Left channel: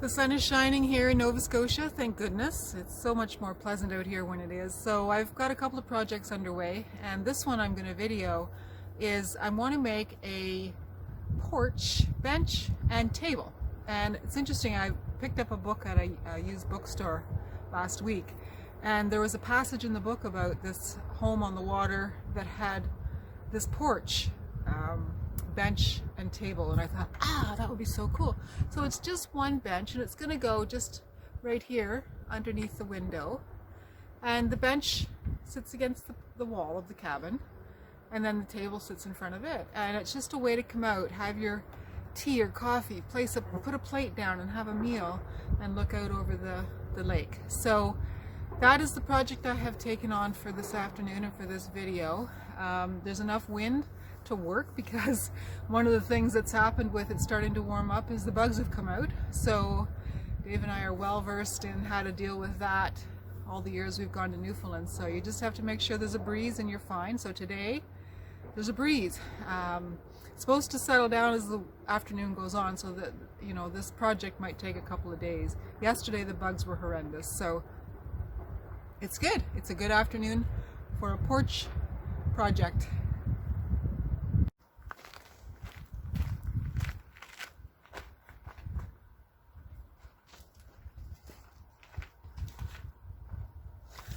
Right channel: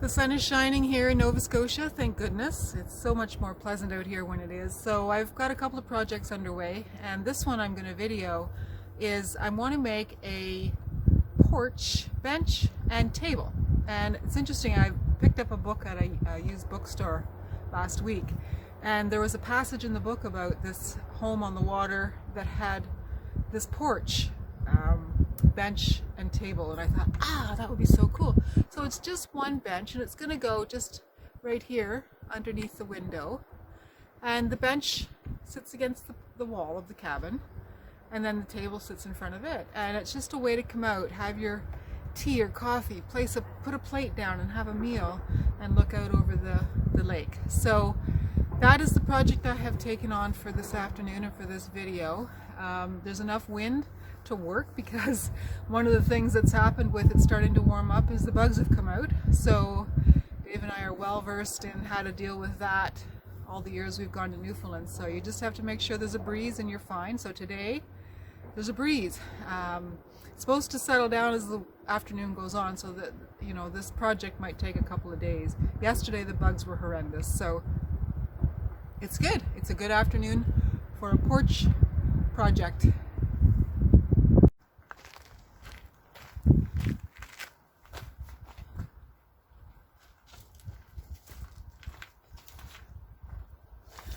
The sun is shining here in Nova Scotia, thank goodness. It's so much more pleasant out here when it is. So I've got a couple of projects underway, and this one I'm going to video is I want to make a porch, bench, and table. And it's interesting, I picked up a book at a used bookstore last week, and there was a passage in the book about this home on the water that had this porch, bench and table, and I thought, that would be so cool. So it's just one bench, and it's going to go just right here underneath the window, and the bench sits against the wall of the cabin, and then the table sits in front of it, and it's just a way to come out, have your tea or coffee, put a plate down and have a meal and look out over the lake. So that is the project I have taken on for this afternoon and for this video. There's enough wind to work, because one of the things that's happened with it starting to warm up is the bugs have come out. So Dave and I are well versed in how to deal with that all the years we've gone to Newfoundland. So you just have to make sure there's a breeze and you're fine. So today there's a breeze. It's supposed to settle down as the afternoon goes on, so that, you know, this project might take a couple of days. Yesterday the bugs were horrendous, so it's good. It's a good afternoon for a porch project.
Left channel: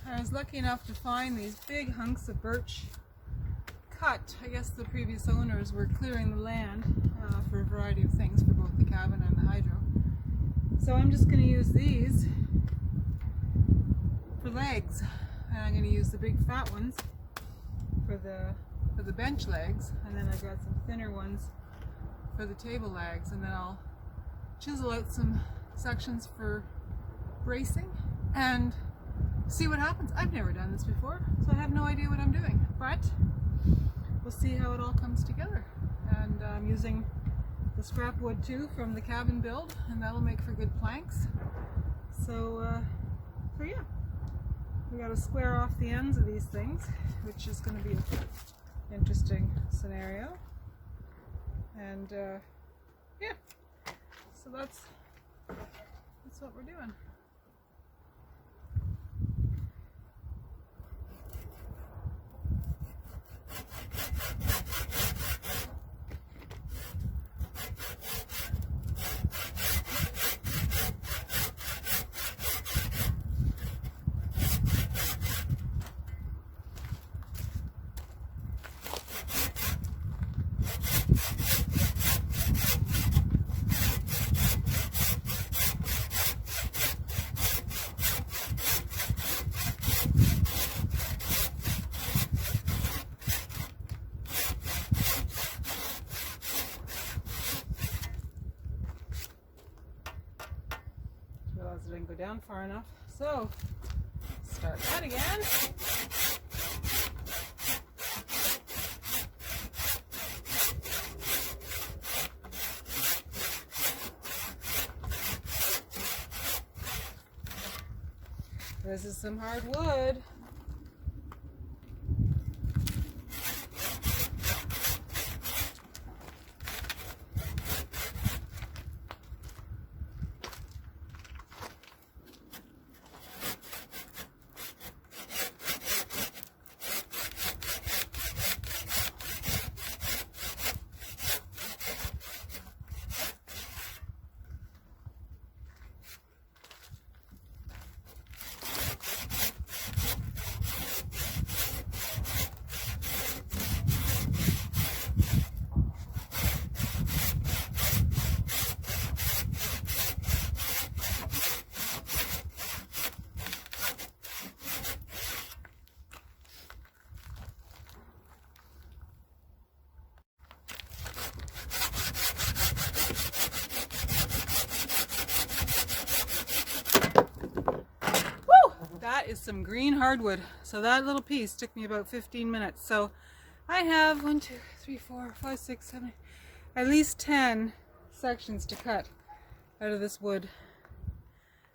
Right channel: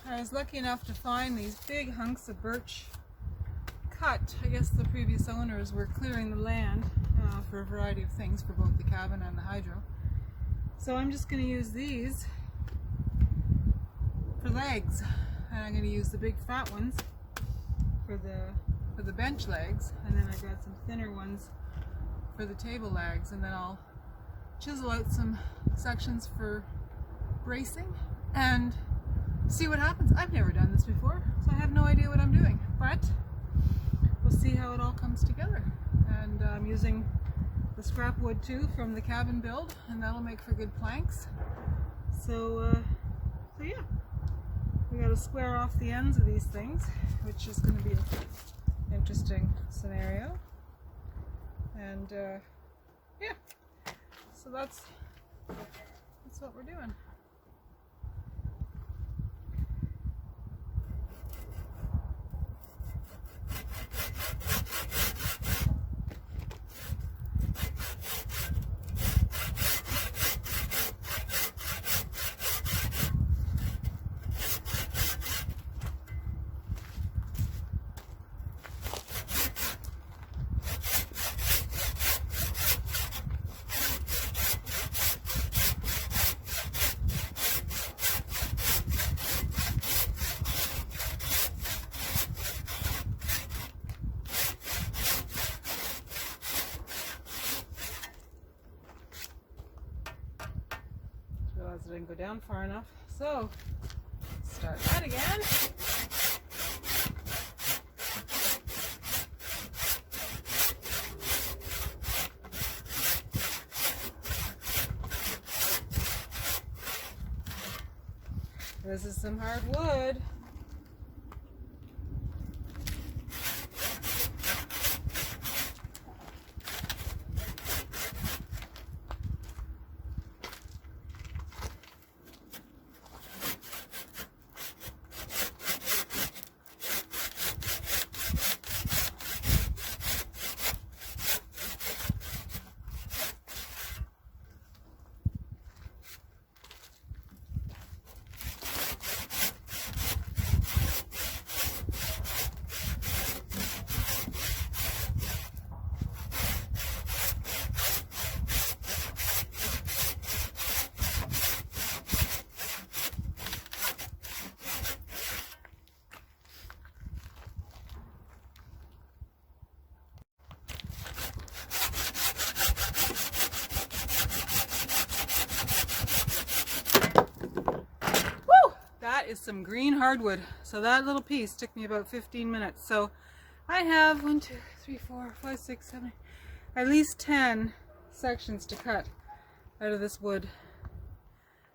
I was lucky enough to find these big hunks of birch cut. I guess the previous owners were clearing the land for a variety of things, for both the cabin and the hydro. So I'm just going to use these for legs, and I'm going to use the big fat ones for the bench legs, and then I've got some thinner ones for the table legs, and then I'll chisel out some sections for bracing and see what happens. I've never done this before, so I have no idea what I'm doing, but we'll see how it all comes together. And I'm using the scrap wood too from the cabin build, and that'll make for good planks. So yeah, we got to square off the ends of these things, which is going to be an interesting scenario. And yeah, so that's what we're doing. Realized I didn't go down far enough, so start that again. This is some hard wood. That is some green hardwood. So that little piece took me about 15 minutes. So I have 1, 2, 3, 4, 5, 6, 7, at least 10 sections to cut out of this wood.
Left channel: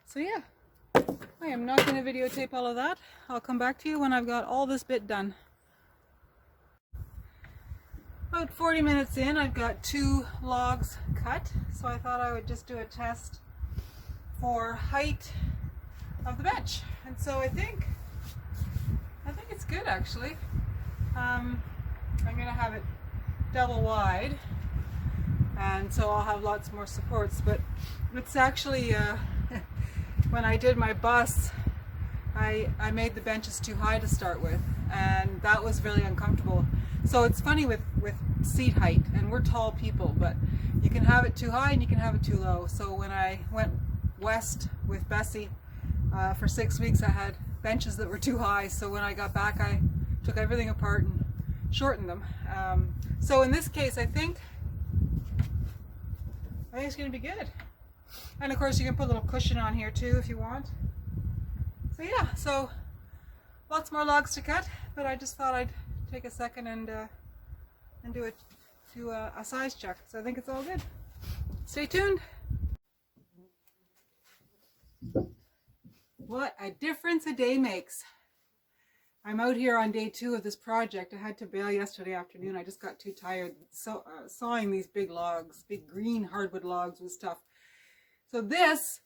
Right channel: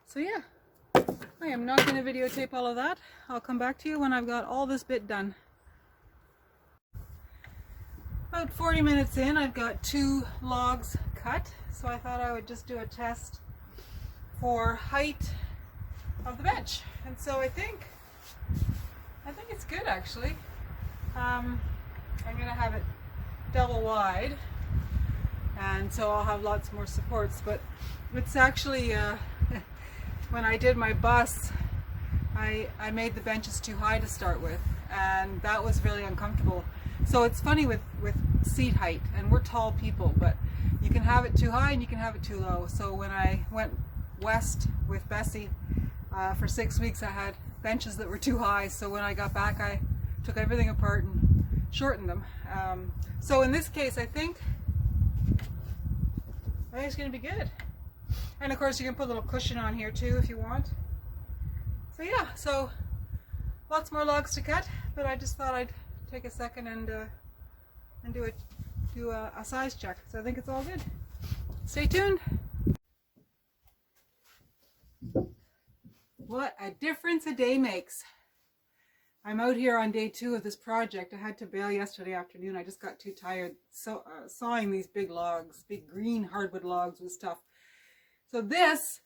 So yeah, I am not going to videotape all of that. I'll come back to you when I've got all this bit done. About 40 minutes in, I've got 2 logs cut, so I thought I would just do a test for height of the bench. And so I think it's good actually. I'm gonna have it double wide, and so I'll have lots more supports. But it's actually when I did my bus, I made the benches too high to start with, and that was really uncomfortable. So it's funny with seat height, and we're tall people, but you can have it too high and you can have it too low. So when I went west with Bessie for 6 weeks, I had benches that were too high. So when I got back, I took everything apart and shortened them. So in this case, I think it's going to be good. And of course, you can put a little cushion on here too if you want. So yeah, so lots more logs to cut, but I just thought I'd take a second and do a size check. So I think it's all good. Stay tuned. What a difference a day makes. I'm out here on day 2 of this project. I had to bail yesterday afternoon. I just got too tired sawing these big logs. Big green hardwood logs was tough. So this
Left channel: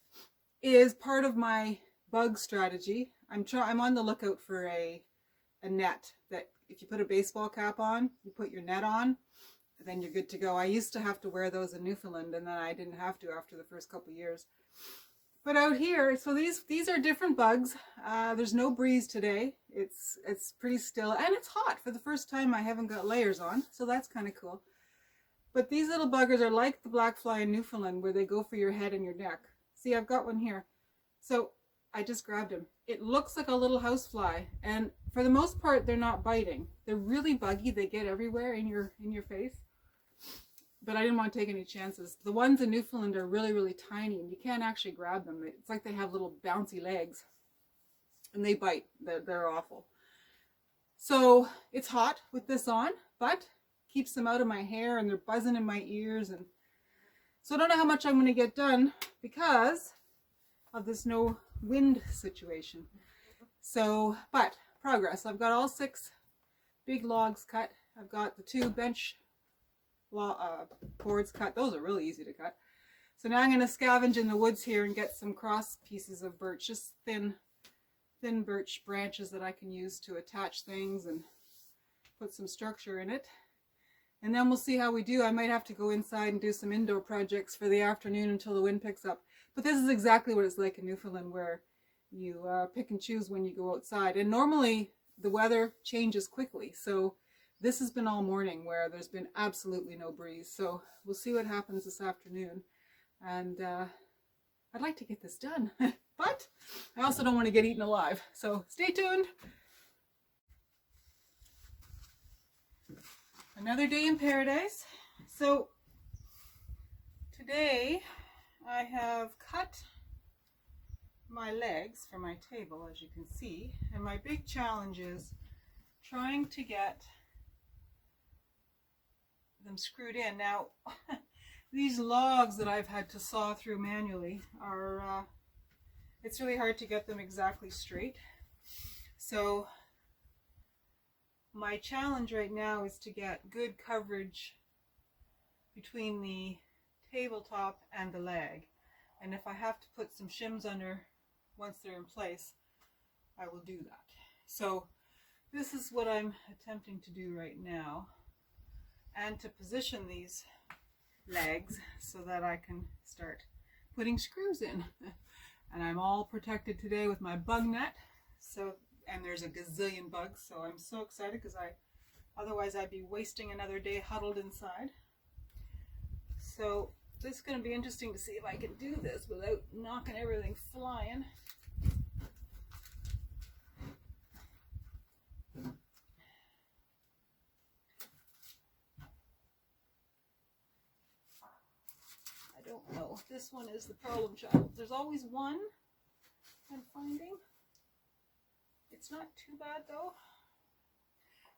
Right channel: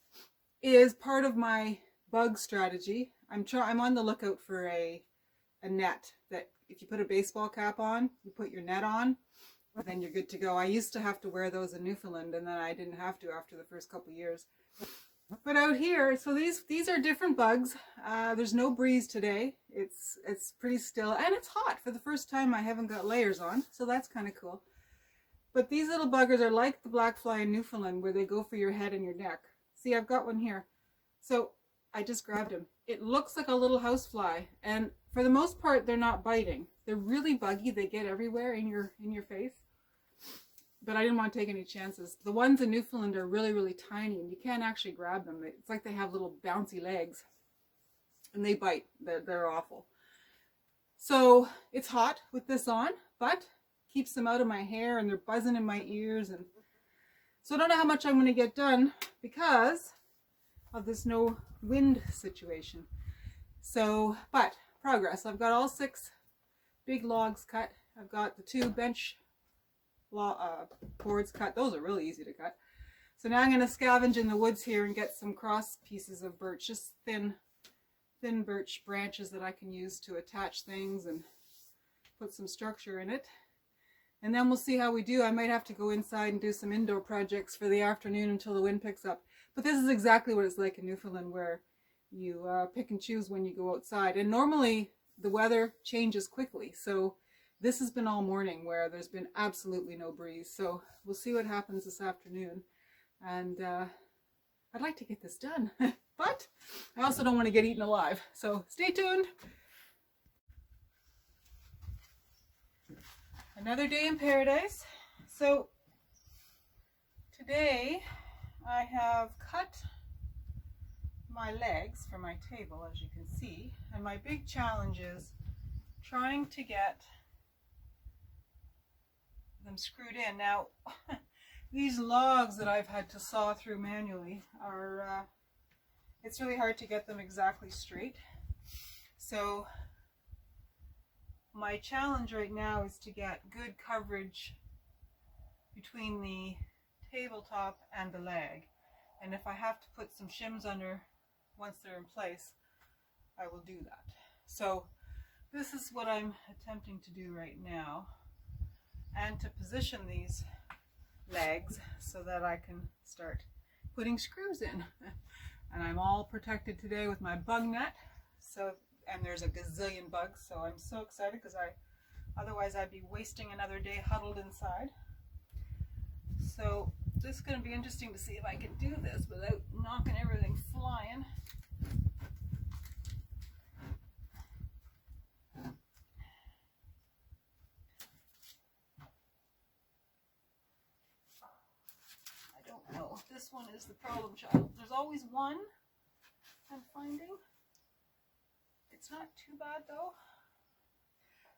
is part of my bug strategy. I'm on the lookout for a net that if you put a baseball cap on, you put your net on, then you're good to go. I used to have to wear those in Newfoundland, and then I didn't have to after the first couple of years. But out here, so these are different bugs. There's no breeze today. It's pretty still, and it's hot. For the first time, I haven't got layers on, so that's kind of cool. But these little buggers are like the black fly in Newfoundland, where they go for your head and your neck. See, I've got one here. So I just grabbed him. It looks like a little housefly, and for the most part, they're not biting. They're really buggy. They get everywhere in your face. But I didn't want to take any chances. The ones in Newfoundland are really, really tiny, and you can't actually grab them. It's like they have little bouncy legs, and they bite. They're awful. So it's hot with this on, but keeps them out of my hair, and they're buzzing in my ears. And so I don't know how much I'm going to get done because of this no wind situation. So, but progress. I've got all 6 big logs cut. I've got the 2 bench boards cut. Those are really easy to cut. So now I'm going to scavenge in the woods here and get some cross pieces of birch, just thin birch branches that I can use to attach things and put some structure in it. And then we'll see how we do. I might have to go inside and do some indoor projects for the afternoon until the wind picks up. But this is exactly what it's like in Newfoundland, where you pick and choose when you go outside. And normally the weather changes quickly. So this has been all morning where there's been absolutely no breeze. So we'll see what happens this afternoon. And I'd like to get this done, but I also don't want to get eaten alive. So stay tuned. Another day in paradise. So today I have cut my legs for my table, as you can see. And my big challenge is trying to get them screwed in. Now, these logs that I've had to saw through manually are, it's really hard to get them exactly straight. So my challenge right now is to get good coverage between the tabletop and the leg. And if I have to put some shims under once they're in place, I will do that. So this is what I'm attempting to do right now, and to position these legs so that I can start putting screws in. And I'm all protected today with my bug net. So, and there's a gazillion bugs, so I'm so excited because otherwise I'd be wasting another day huddled inside. So this is going to be interesting to see if I can do this without knocking everything flying. I don't know. This one is the problem child. There's always one I'm finding. It's not too bad though.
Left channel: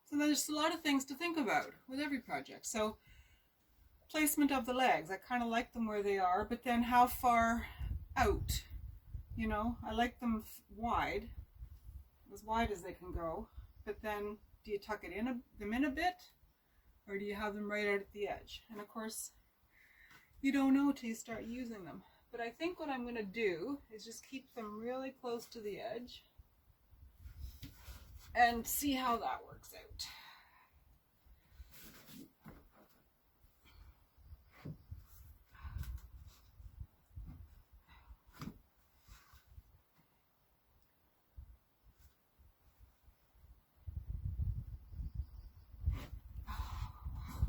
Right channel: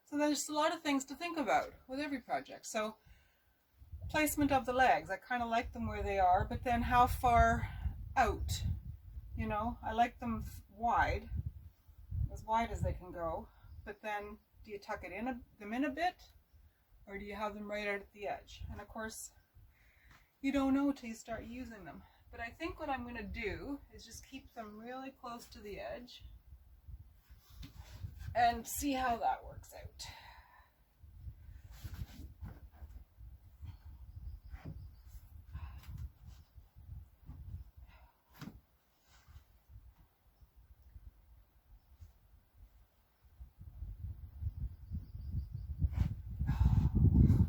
So there's a lot of things to think about with every project. So placement of the legs. I kind of like them where they are, but then how far out? You know, I like them wide as they can go. But then do you tuck them in a bit, or do you have them right out at the edge? And of course, you don't know till you start using them. But I think what I'm going to do is just keep them really close to the edge and see how that works out.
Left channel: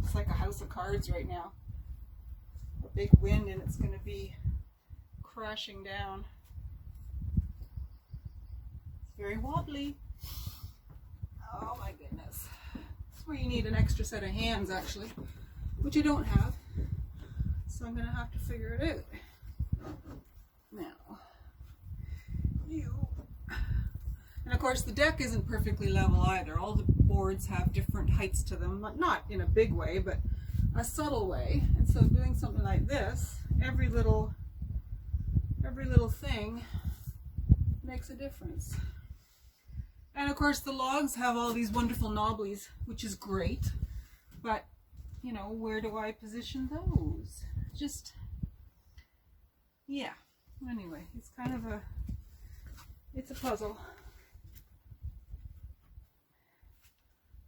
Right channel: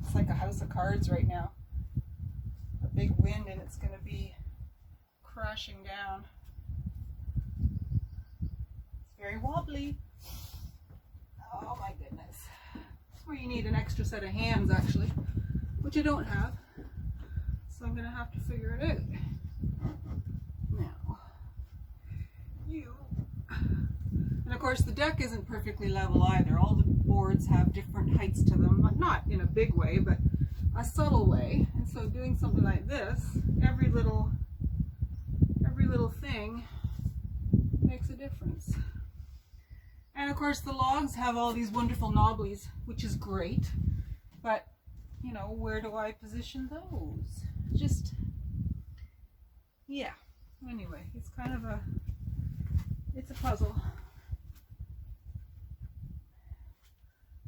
It's like a house of cards right now. A big wind and it's going to be crashing down. It's very wobbly. Oh my goodness. That's where you need an extra set of hands actually, which I don't have. So I'm going to have to figure it out. Now, and of course the deck isn't perfectly level either. All the boards have different heights to them, but not in a big way, but a subtle way. And so doing something like this, every little thing makes a difference. And of course the logs have all these wonderful knobblies, which is great, but you know, where do I position those? Just, yeah. Anyway, it's kind of it's a puzzle.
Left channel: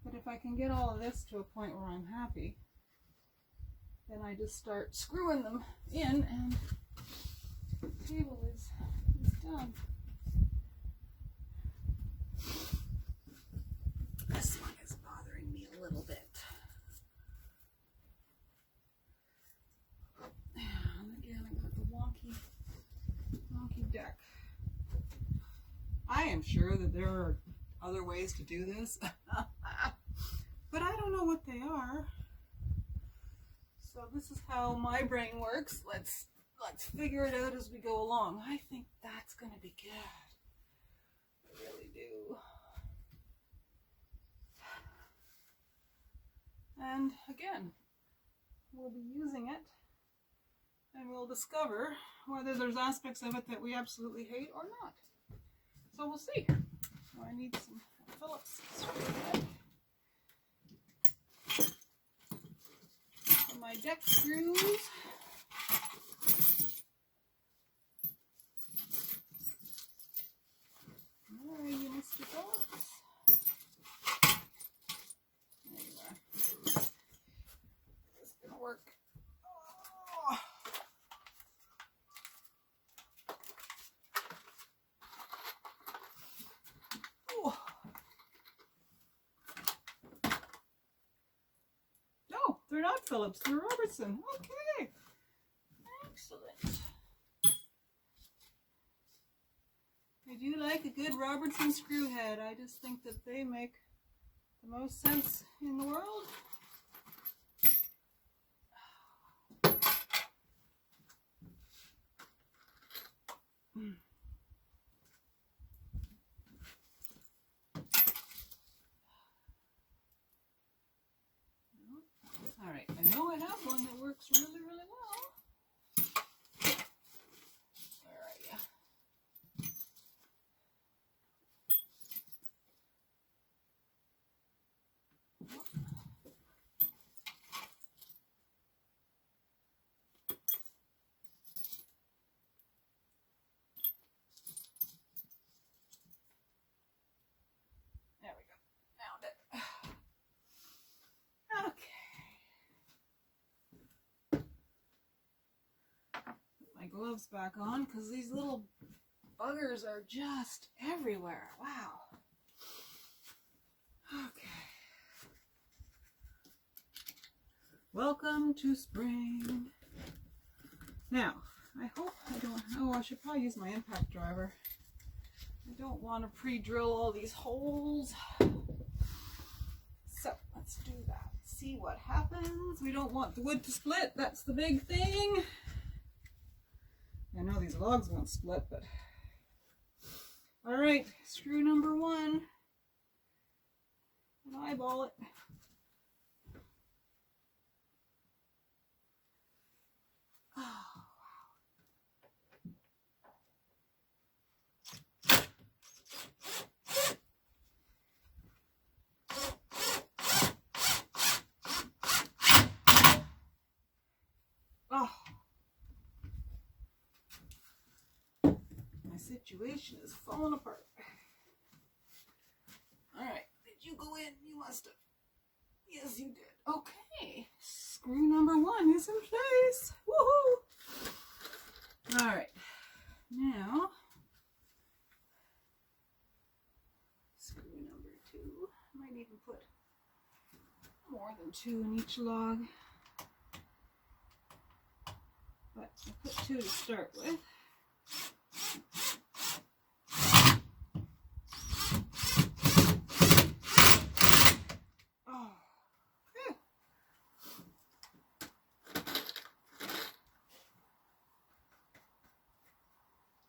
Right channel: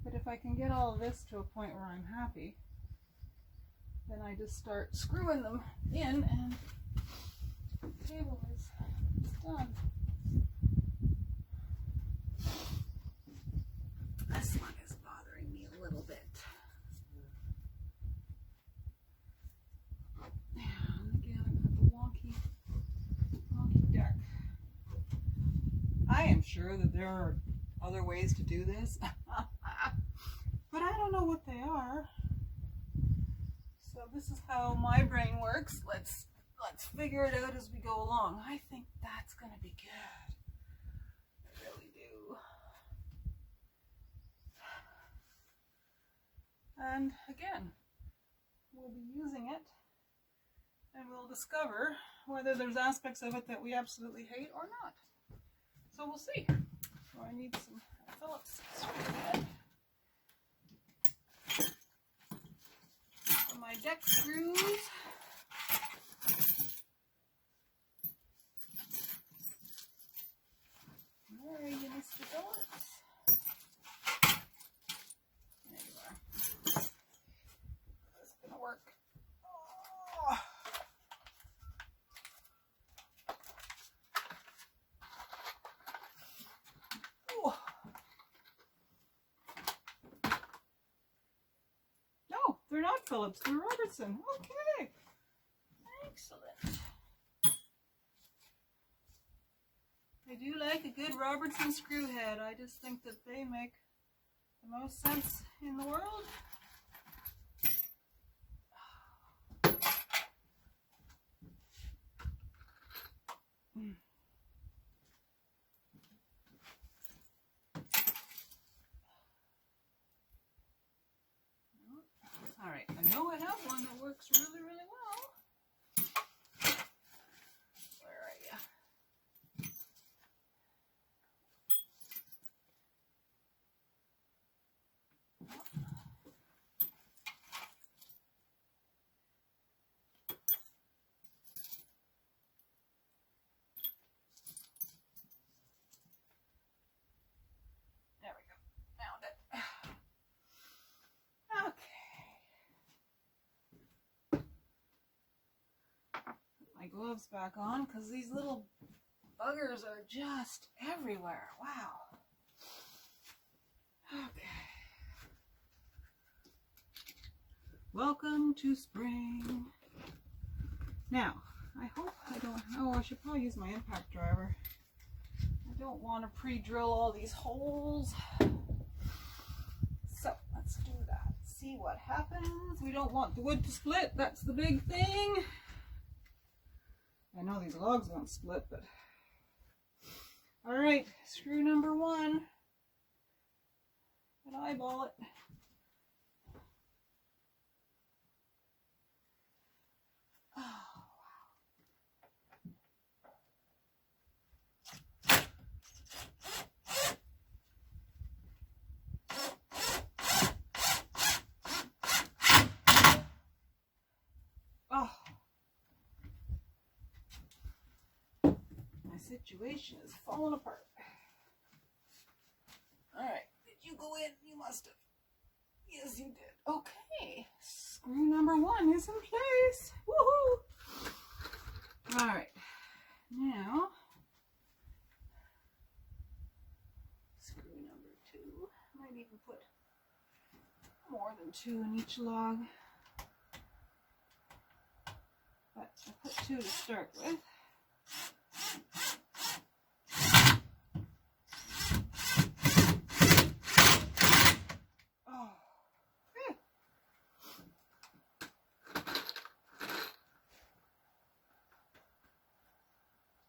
But if I can get all of this to a point where I'm happy, then I just start screwing them in and the table is done. This one is bothering me a little bit. And again, I got the wonky deck. I am sure that there are other ways to do this, but I don't know what they are. So this is how my brain works. Let's figure it out as we go along. I think that's going to be good. I really do. And again, we'll be using it and we'll discover whether there's aspects of it that we absolutely hate or not. So we'll see. So I need some Phillips screw head. And my deck screws. Where are you, Mr. Phillips? There you are. This is gonna work. Oh. Oh. No, they're not Phillips, they're Robertson. Okay. Excellent. I do like a good Robertson screw head. I just think that they make the most sense in the world. All right, I know I have one that works really, really well. Where are you? There we go. Found it. Okay. Put my gloves back on because these little buggers are just everywhere. Wow. Okay. Welcome to spring. Now, I hope I don't, oh, I should probably use my impact driver. I don't want to pre-drill all these holes. So, let's do that. See what happens. We don't want the wood to split. That's the big thing. I know these logs won't split, but... All right, screw number 1. And eyeball it. Oh, wow. Oh. situation is falling apart. All right, did you go in? You must have. Yes, you did. Okay, screw number 1 is in place. Woohoo! All right, now screw number 2. Might even put more than 2 in each log, but I put 2 to start with. Oh, phew.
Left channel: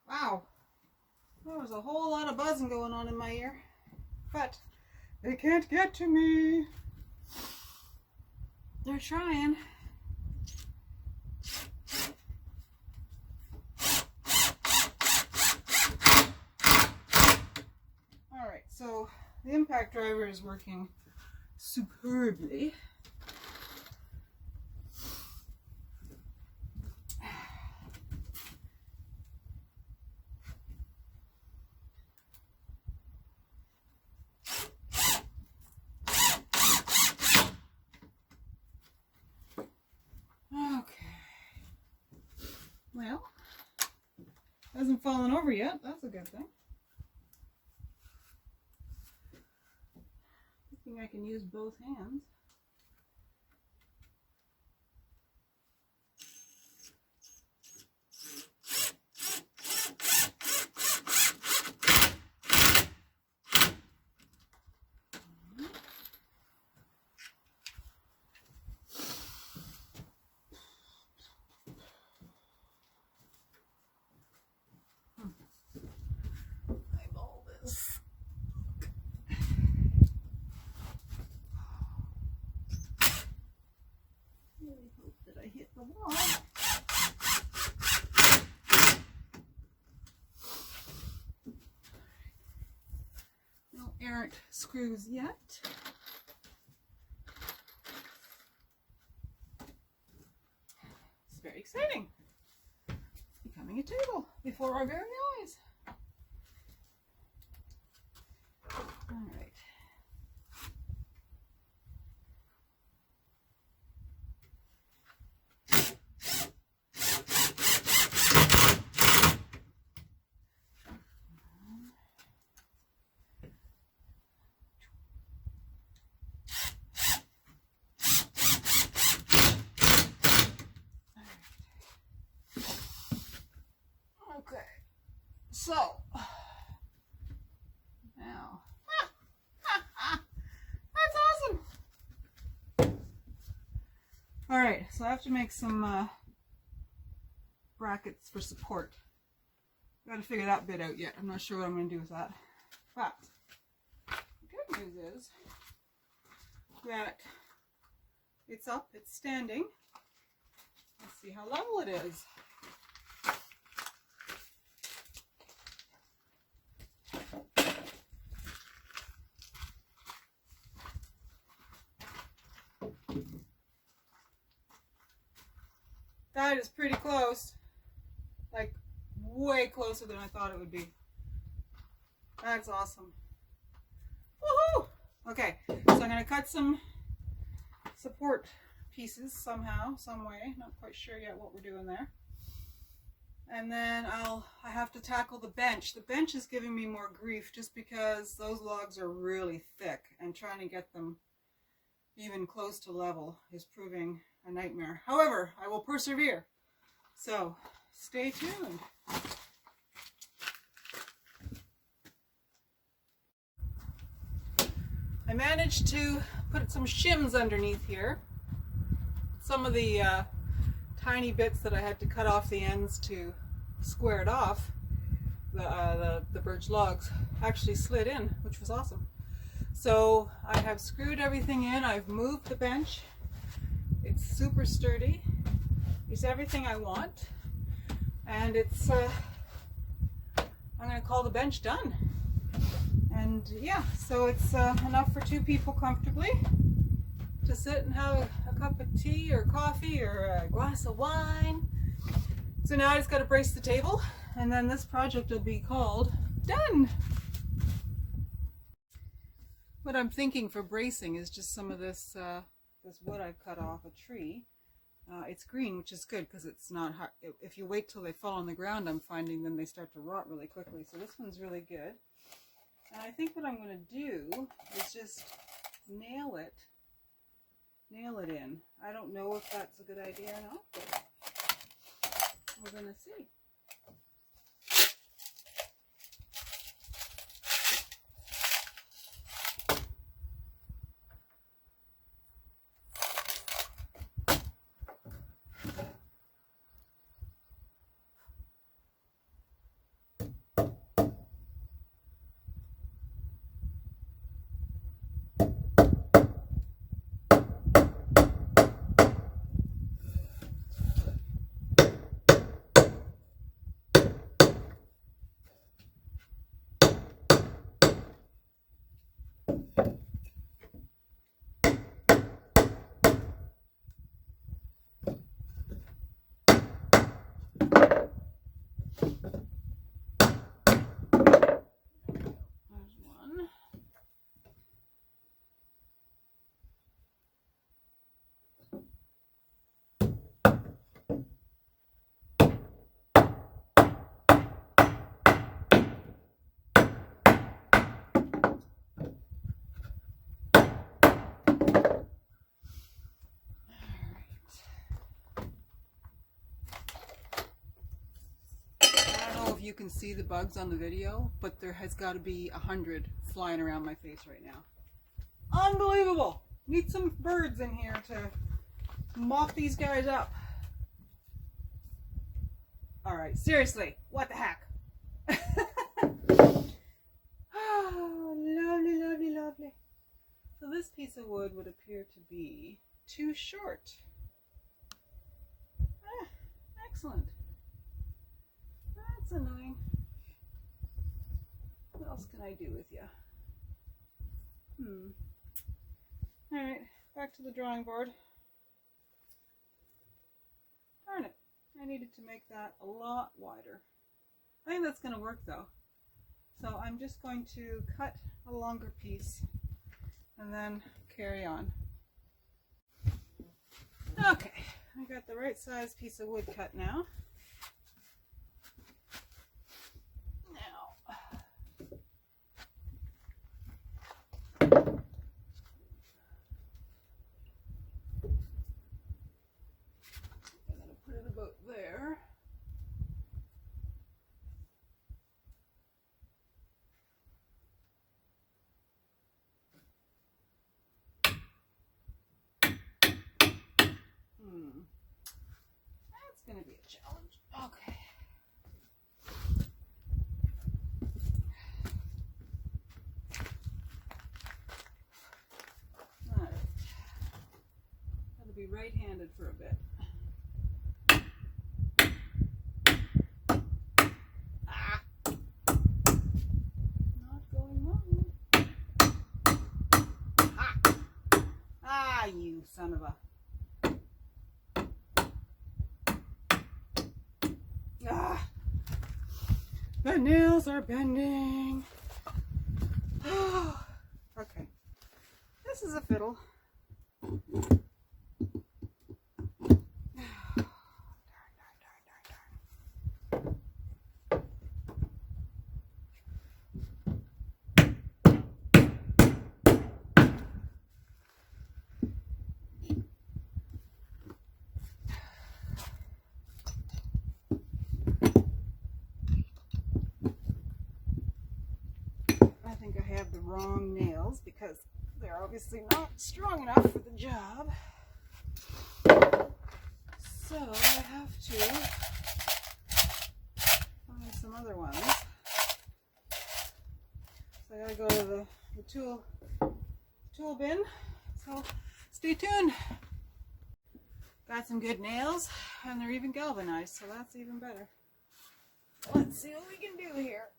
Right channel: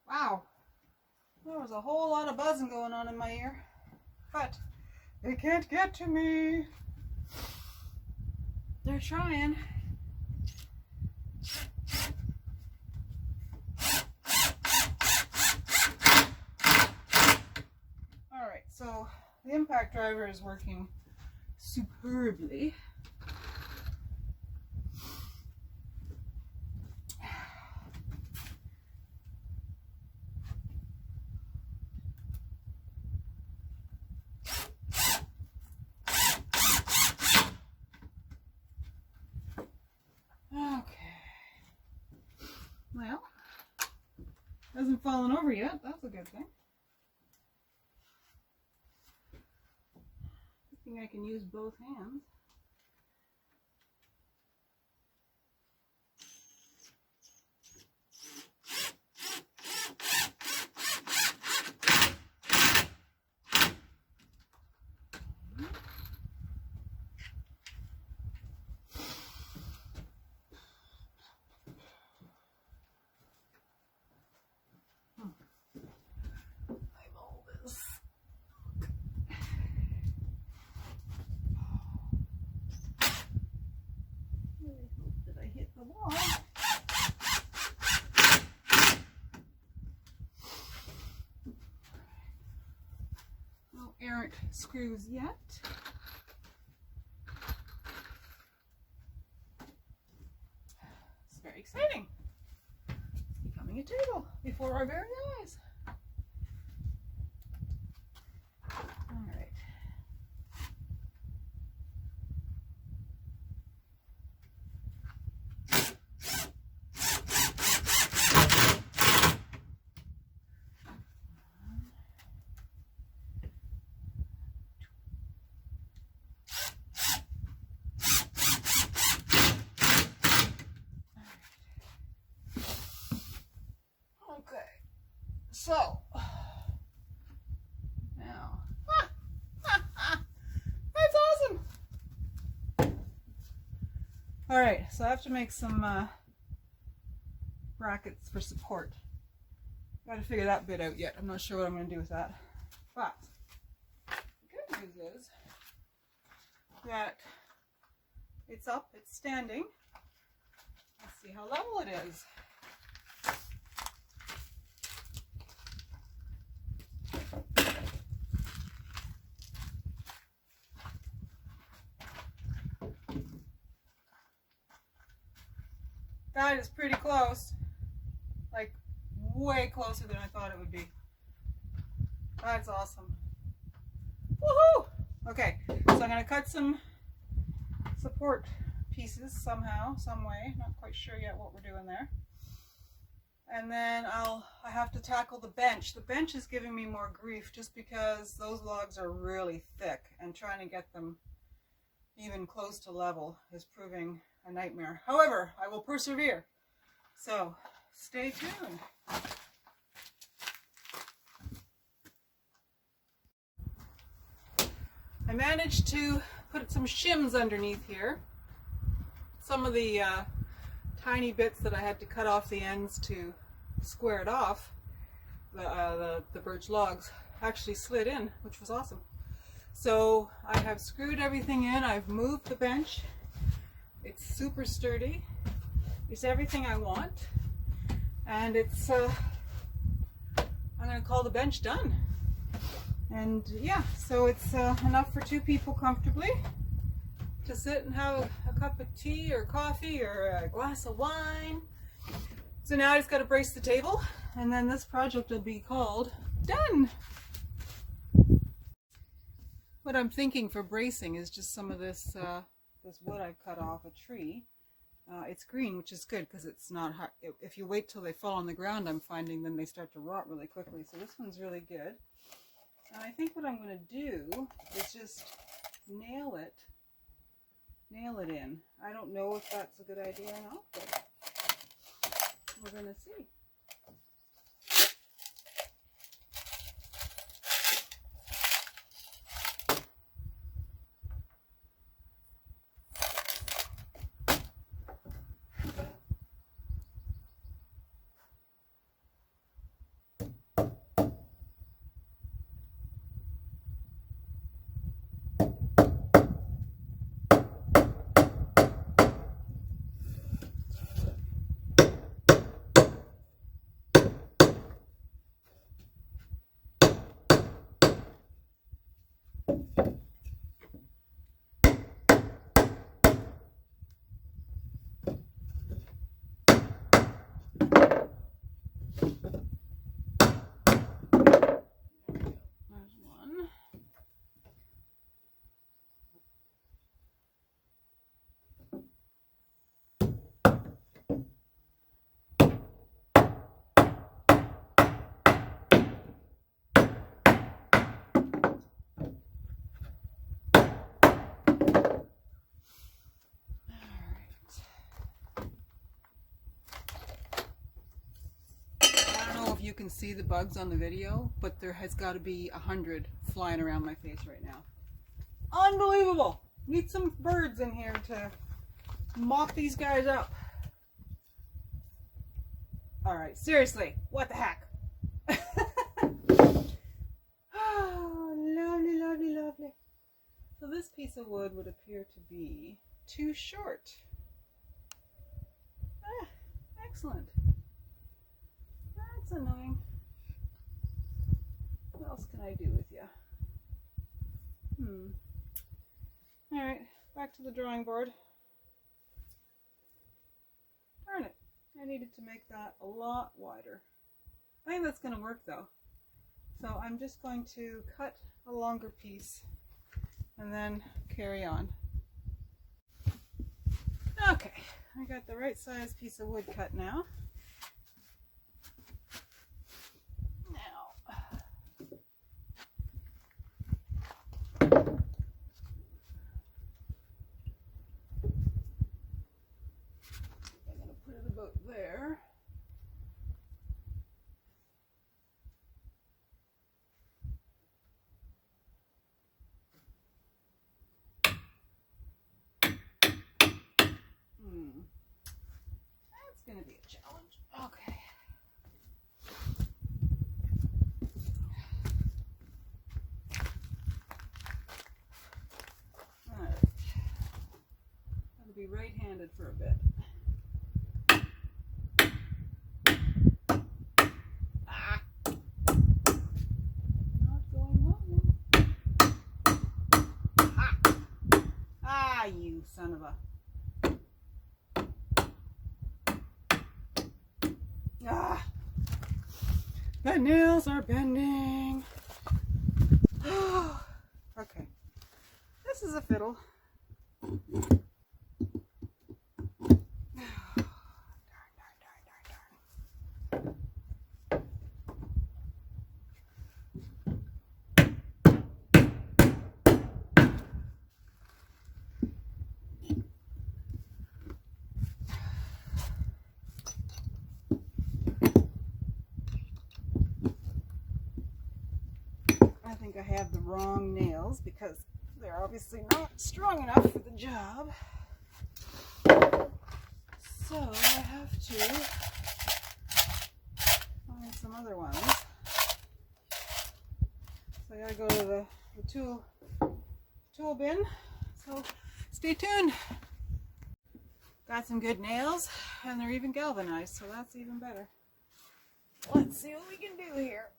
Wow, there was a whole lot of buzzing going on in my ear, but they can't get to me. They're trying. All right, so the impact driver is working superbly. Well, hasn't fallen over yet. That's a good thing. Good thing I can use both hands. Hit the wall. No errant screws yet. It's very exciting. It's becoming a table before our very eyes. All right. So, now, that's awesome. All right, so I have to make some brackets for support. Got to figure that bit out yet. I'm not sure what I'm going to do with that. But the good news is that it's up, it's standing. Let's see how level it is. That is pretty close, like way closer than I thought it would be. That's awesome. Woohoo! Okay, so I'm going to cut some support pieces somehow, some way. Not quite sure yet what we're doing there. And then I have to tackle the bench. The bench is giving me more grief just because those logs are really thick, and trying to get them even close to level is proving a nightmare. However, I will persevere. So stay tuned. I managed to put some shims underneath here. Some of the tiny bits that I had to cut off the ends to square it off, the birch logs, actually slid in, which was awesome. So I have screwed everything in. I've moved the bench. It's super sturdy. It's everything I want. And it's, I'm going to call the bench done. And yeah, so it's enough for 2 people comfortably to sit and have a cup of tea or coffee or a glass of wine. So now I just got to brace the table and then this project will be called Done. What I'm thinking for bracing is just some of this this wood I've cut off a tree. It's green, which is good because it's not hard. If you wait till they fall on the ground, I'm finding then they start to rot really quickly. So this one's really good. And I think what I'm going to do is just nail it in. I don't know if that's a good idea or not, but we're going to see. You can see the bugs on the video, but there has got to be 100 flying around my face right now. Unbelievable! Need some birds in here to mop these guys up. Alright, seriously, what the heck? Oh, lovely, lovely, lovely. So this piece of wood would appear to be too short. Excellent. That's annoying. What else can I do with you? Alright, back to the drawing board. Darn it. I needed to make that a lot wider. I think that's going to work though. So I'm just going to cut a longer piece and then carry on. Okay, I got the right size piece of wood cut now. About there. That's going to be a challenge. Okay. All right. Got to be right-handed for a bit. You son of a... Ah! The nails are bending. Okay. This is a fiddle. I think I have the wrong nails because they're obviously not strong enough for the job. So I have to find some other ones. So I gotta go to the tool bin. So stay tuned. Got some good nails and they're even galvanized, so that's even better. Let's see what we can do here.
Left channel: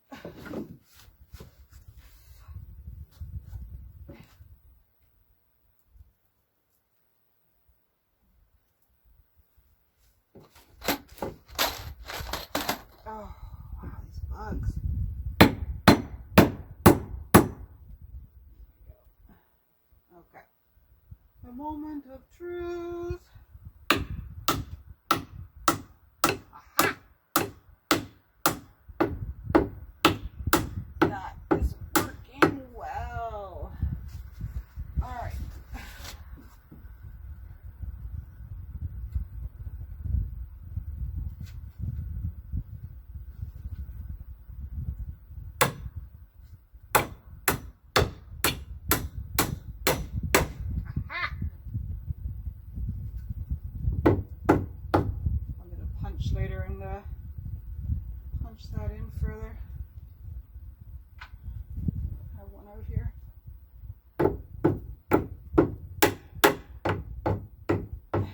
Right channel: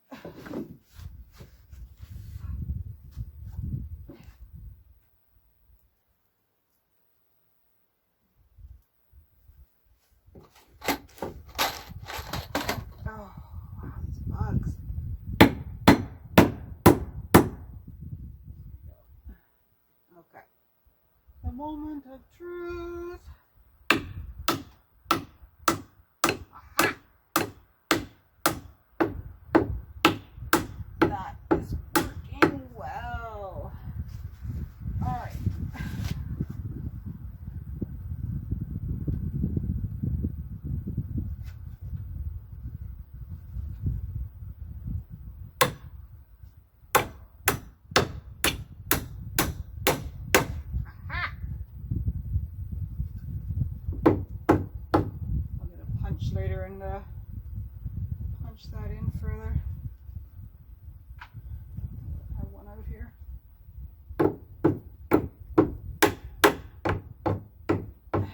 Oh, Porch later and punch that in further. I have one out here. Anyway,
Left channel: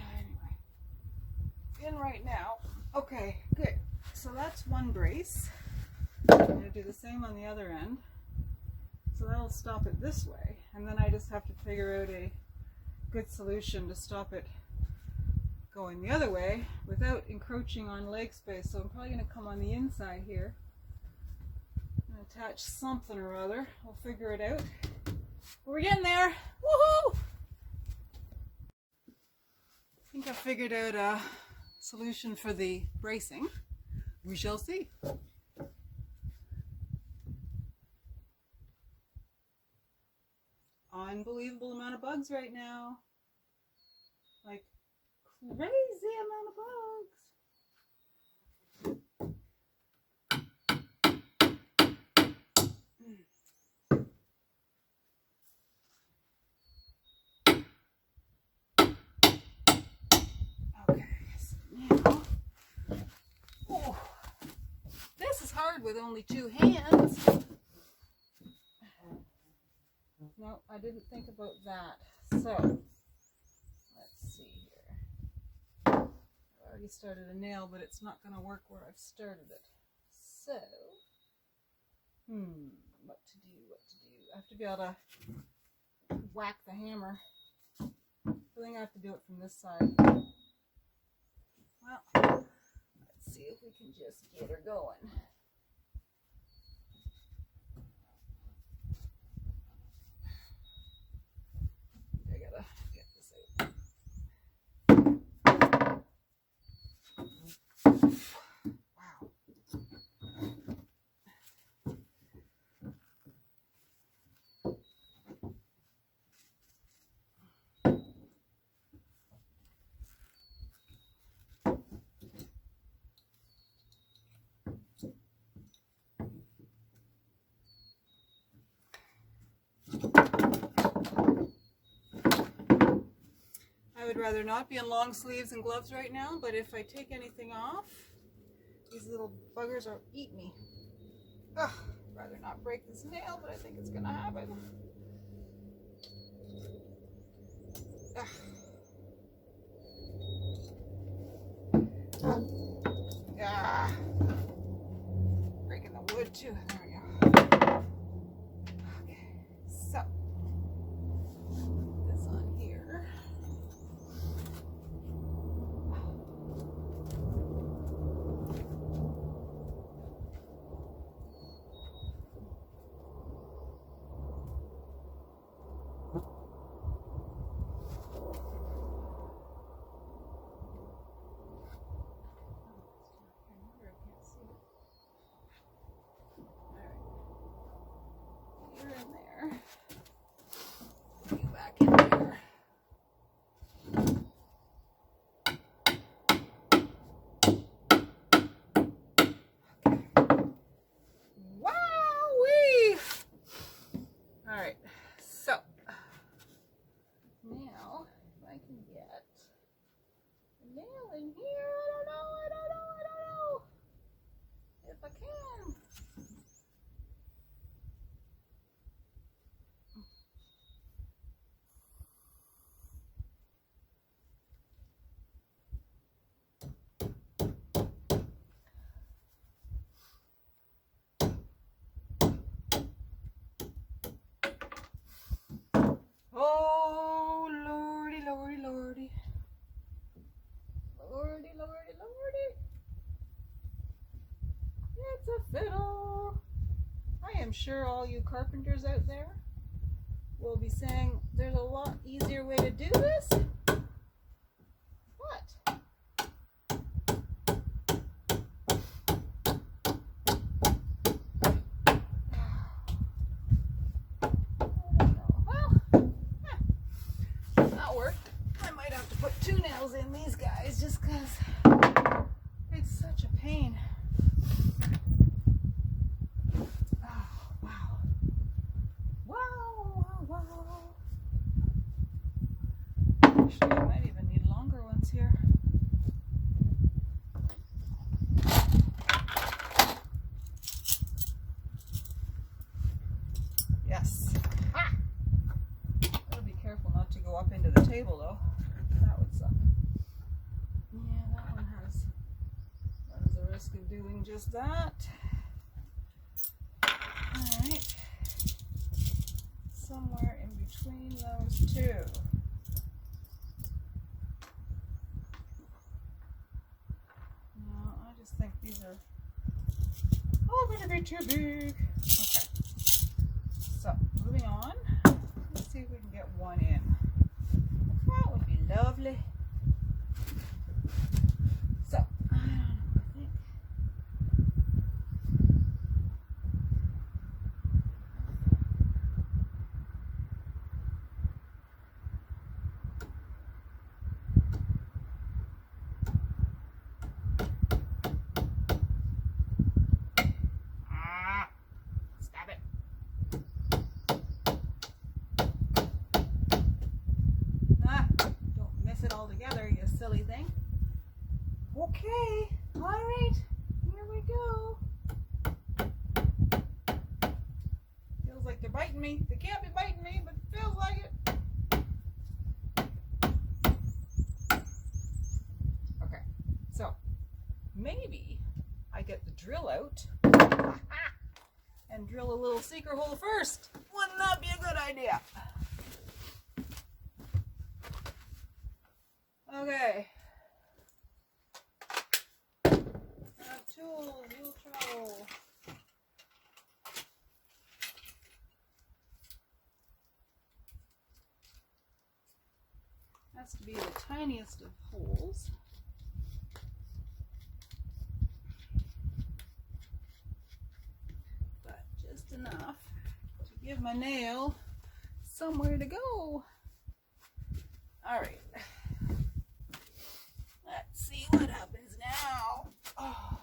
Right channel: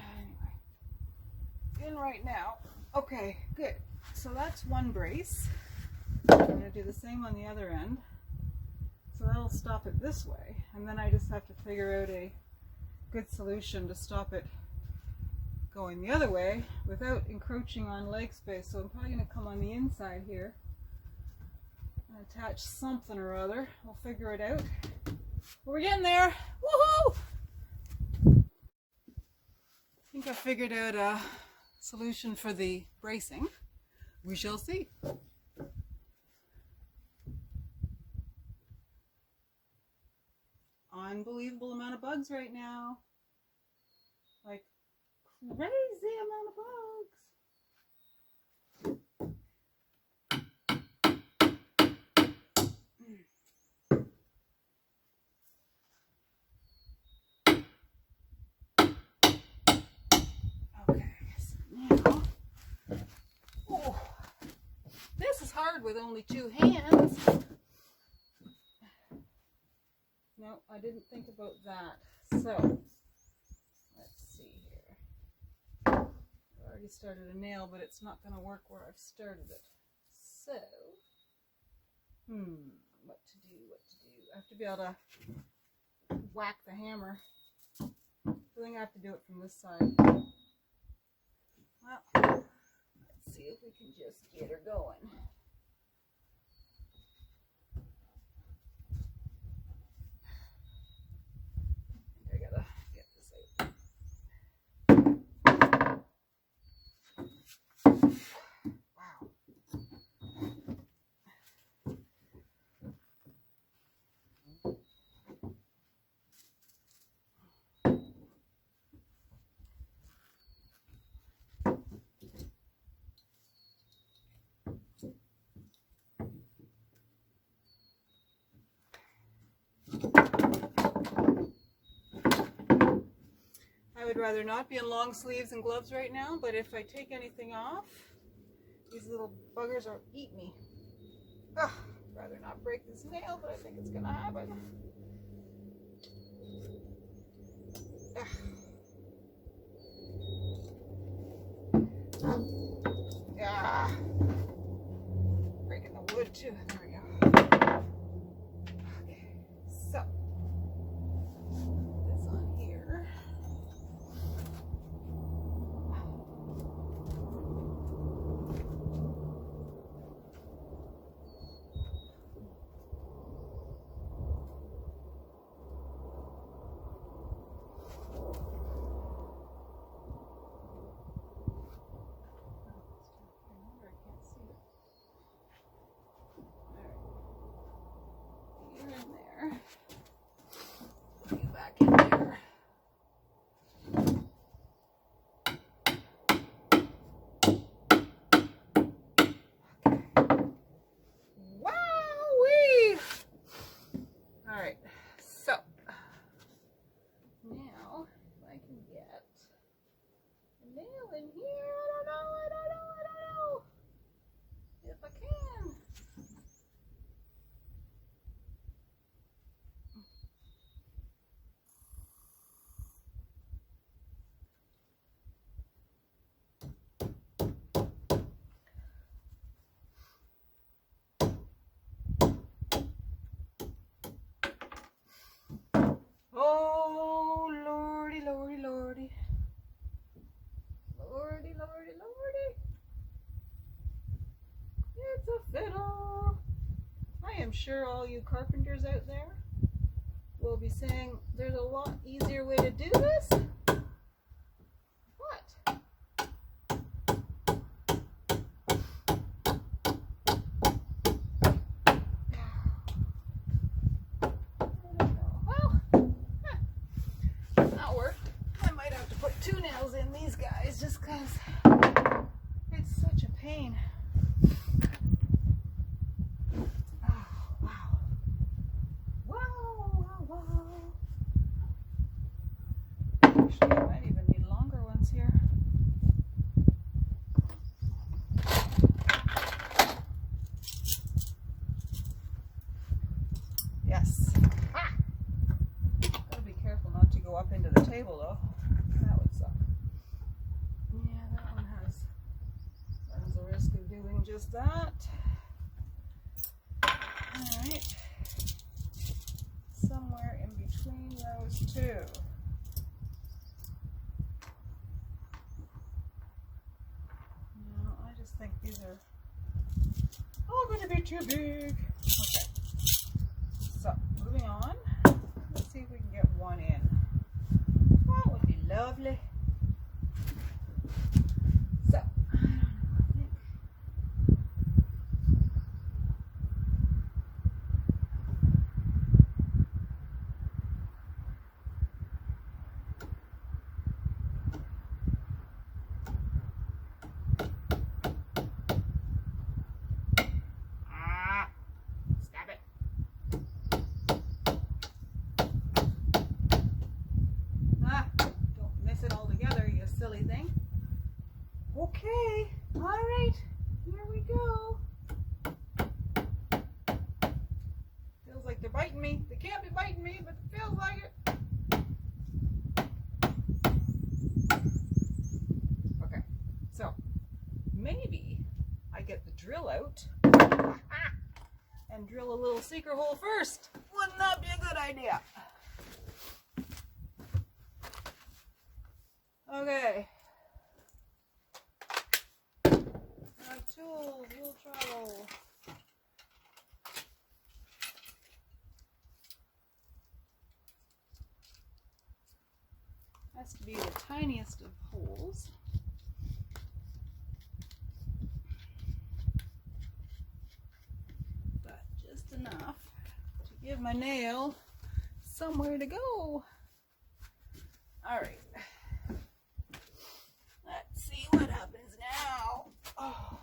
in right now. Okay, good. So that's one brace. I'm going to do the same on the other end. So that'll stop it this way, and then I just have to figure out a good solution to stop it going the other way without encroaching on leg space. So I'm probably going to come on the inside here and attach something or other. We'll figure it out. But we're getting there. Woohoo! I think I figured out a solution for the bracing. We shall see. Unbelievable amount of bugs right now. Like crazy amount of bugs. Okay, so now, oh, this is hard with only two hands. No, I didn't think about that. So, let's see here. I already started a nail, but it's not going to work where I've started it. So, what to do? I have to be able to whack the hammer. I think I have to do it from this side. Well, let's see if we can just get her going. I would rather not be in long sleeves and gloves right now, but if I take anything off, these little buggers will eat me. Ugh, I'd rather not break this nail, but I think it's gonna happen. Yeah. Breaking the wood too. There we go. Okay, so put this on here. In here, I don't know if I can. Oh, lordy, lordy, lordy. Lordy, lordy, lordy. It's a fiddle. I am sure all you carpenters out there will be saying there's a lot easier way to do this. What? That'll work. I might have to put 2 nails in these guys just because it's such a pain. Oh, wow. Wow, wow, wow. Actually, I might even need longer ones here. table though. That would suck. Yeah, that one runs the risk of doing just that. Alright. Somewhere in between those two. No, I just think these are all going to be too big. Okay. So, moving on. Let's see if we can get one in. That would be lovely. So, I don't know, I think. Stop it. Don't miss it all together, you silly thing. Okay, all right, here we go. Feels like they're biting me. They can't be biting me, but it feels like it. Okay, so maybe I get the drill out and drill a little seeker hole first. Wouldn't that be a good idea? Okay. Tool, wheel trowel. Has to be the tiniest of holes. But just enough to give my nail somewhere to go. Alright. Let's see what happens now. Oh.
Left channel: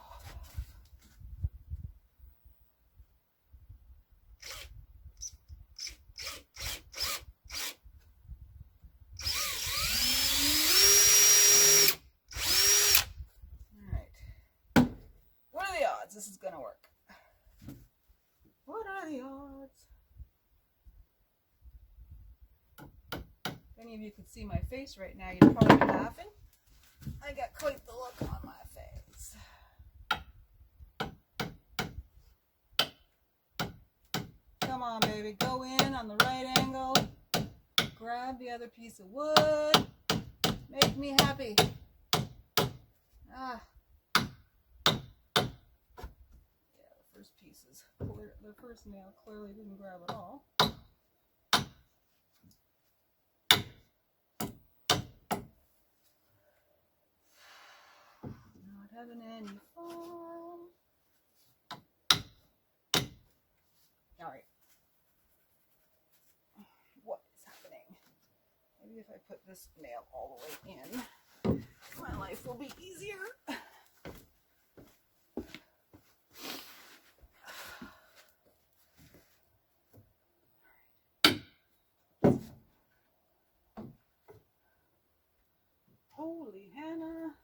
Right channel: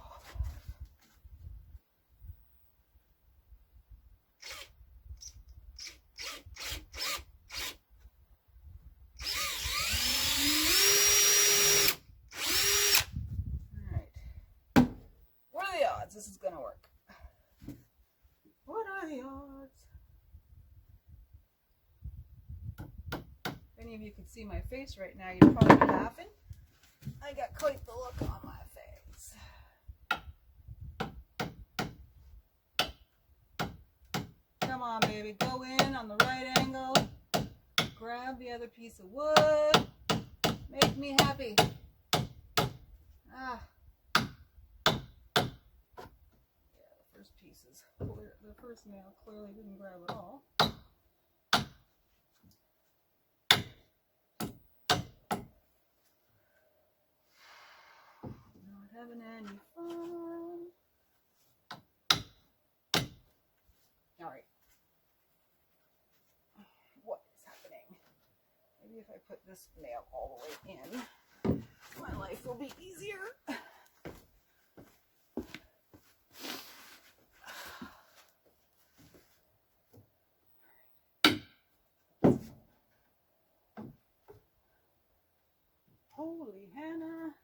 This is gonna work. What are the odds? If any of you could see my face right now, you'd probably be laughing. I got quite the look on my face. Come on, baby, go in on the right angle. Grab the other piece of wood. Make me happy. Ah. Pieces. The first nail clearly didn't grab at all. Not having any fun. Alright. What is happening? Maybe if I put this nail all the way in, my life will be easier. Holy Hannah.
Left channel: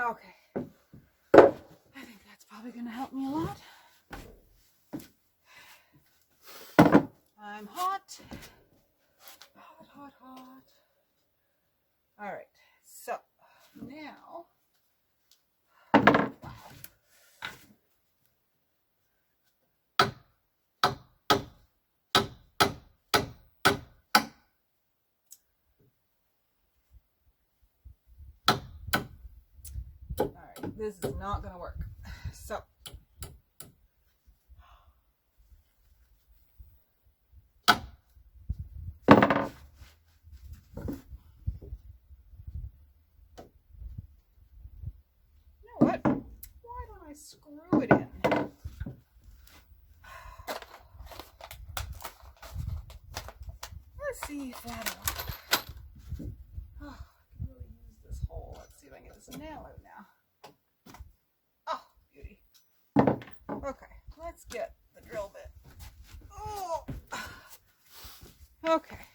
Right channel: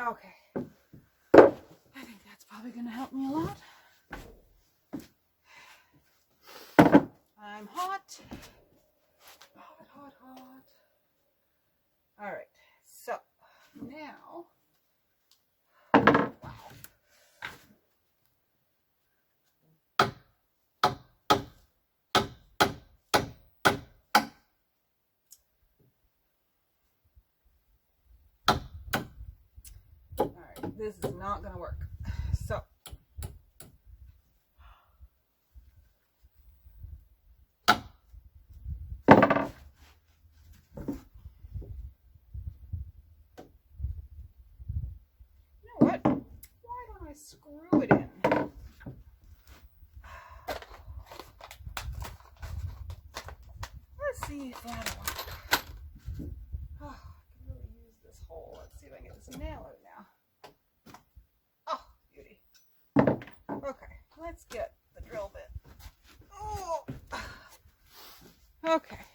Okay. I think that's probably going to help me a lot. I'm hot. Hot, hot, hot. All right. So now, wow. This is not going to work. So, you know what? Why don't I screw it in? Let's see if that'll work. Oh, I can really use this hole. Let's see if I can get this nail out now. Okay, let's get the drill bit. Oh, okay.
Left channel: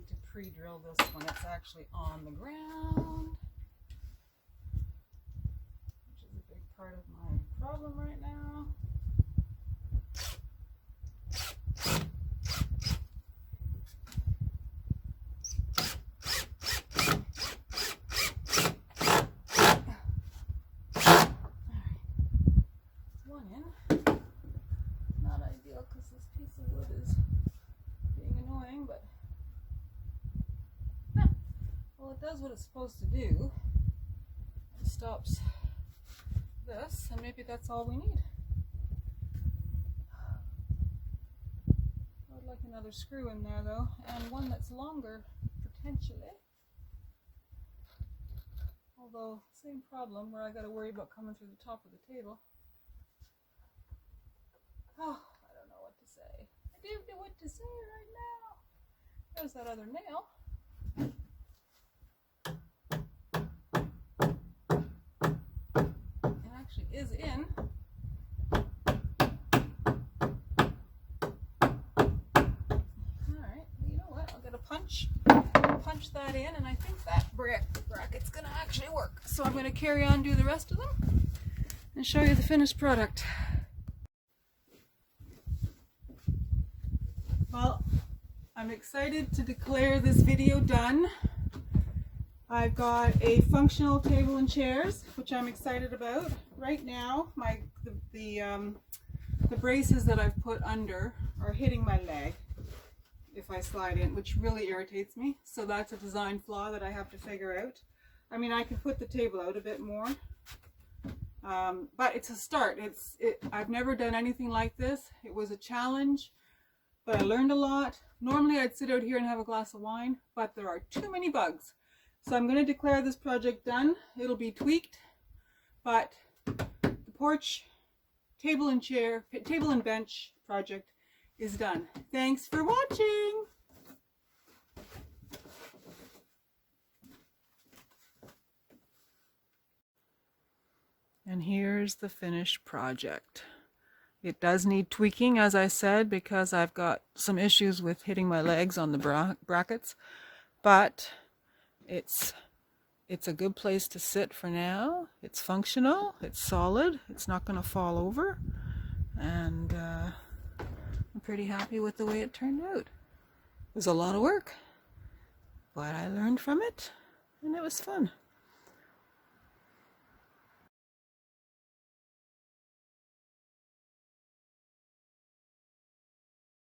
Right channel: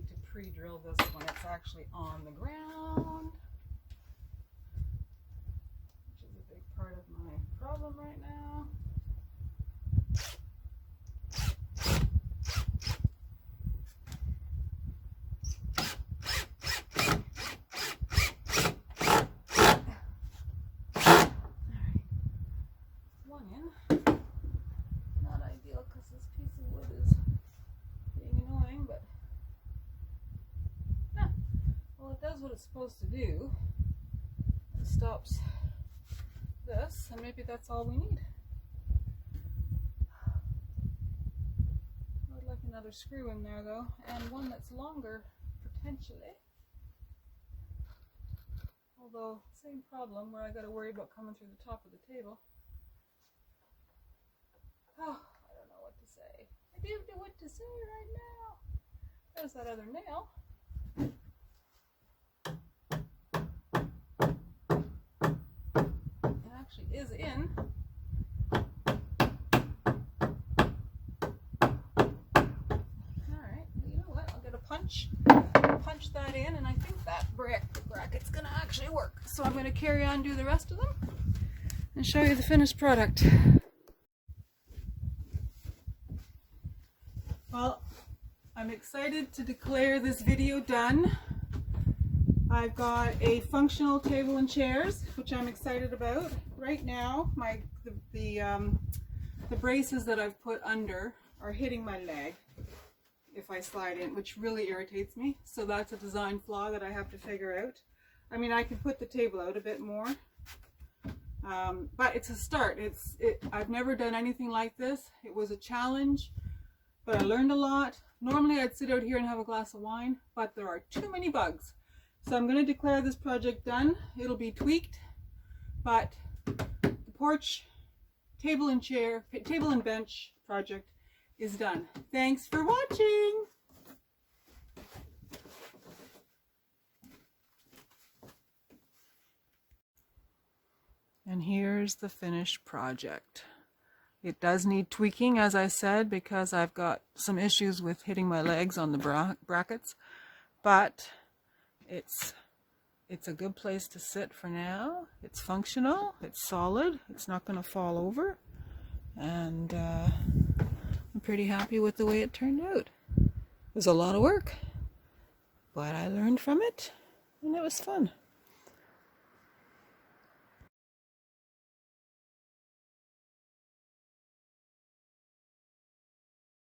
need to pre-drill this when it's actually on the ground, which is a big part of my problem right now. Not ideal because this piece of wood is being annoying, but well, it does what it's supposed to do. It stops this, and maybe that's all we need. I would like another screw in there though, and one that's longer potentially. Although, same problem where I got to worry about coming through the top of the table. Oh, I don't know what to say. I do know what to say right now. There's that other nail. It actually is in. Alright, well, you know what? I'll get a punch that in, and I think that bracket's going to actually work. So I'm going to carry on, do the rest of them, and show you the finished product. Well, I'm excited to declare this video done. I've got a functional table and chairs, which I'm excited about. Right now, the braces that I've put under are hitting my leg if I slide in, which really irritates me. So that's a design flaw that I have to figure out. I mean, I can put the table out a bit more, but it's a start. I've never done anything like this. It was a challenge. But I learned a lot. Normally I'd sit out here and have a glass of wine, but there are too many bugs. So I'm going to declare this project done. It'll be tweaked, but the porch table and bench project is done. Thanks for watching. And here's the finished project. It does need tweaking, as I said, because I've got some issues with hitting my legs on the brackets, but it's a good place to sit for now. It's functional, it's solid, it's not going to fall over, and I'm pretty happy with the way it turned out. It was a lot of work, but I learned from it, and it was fun.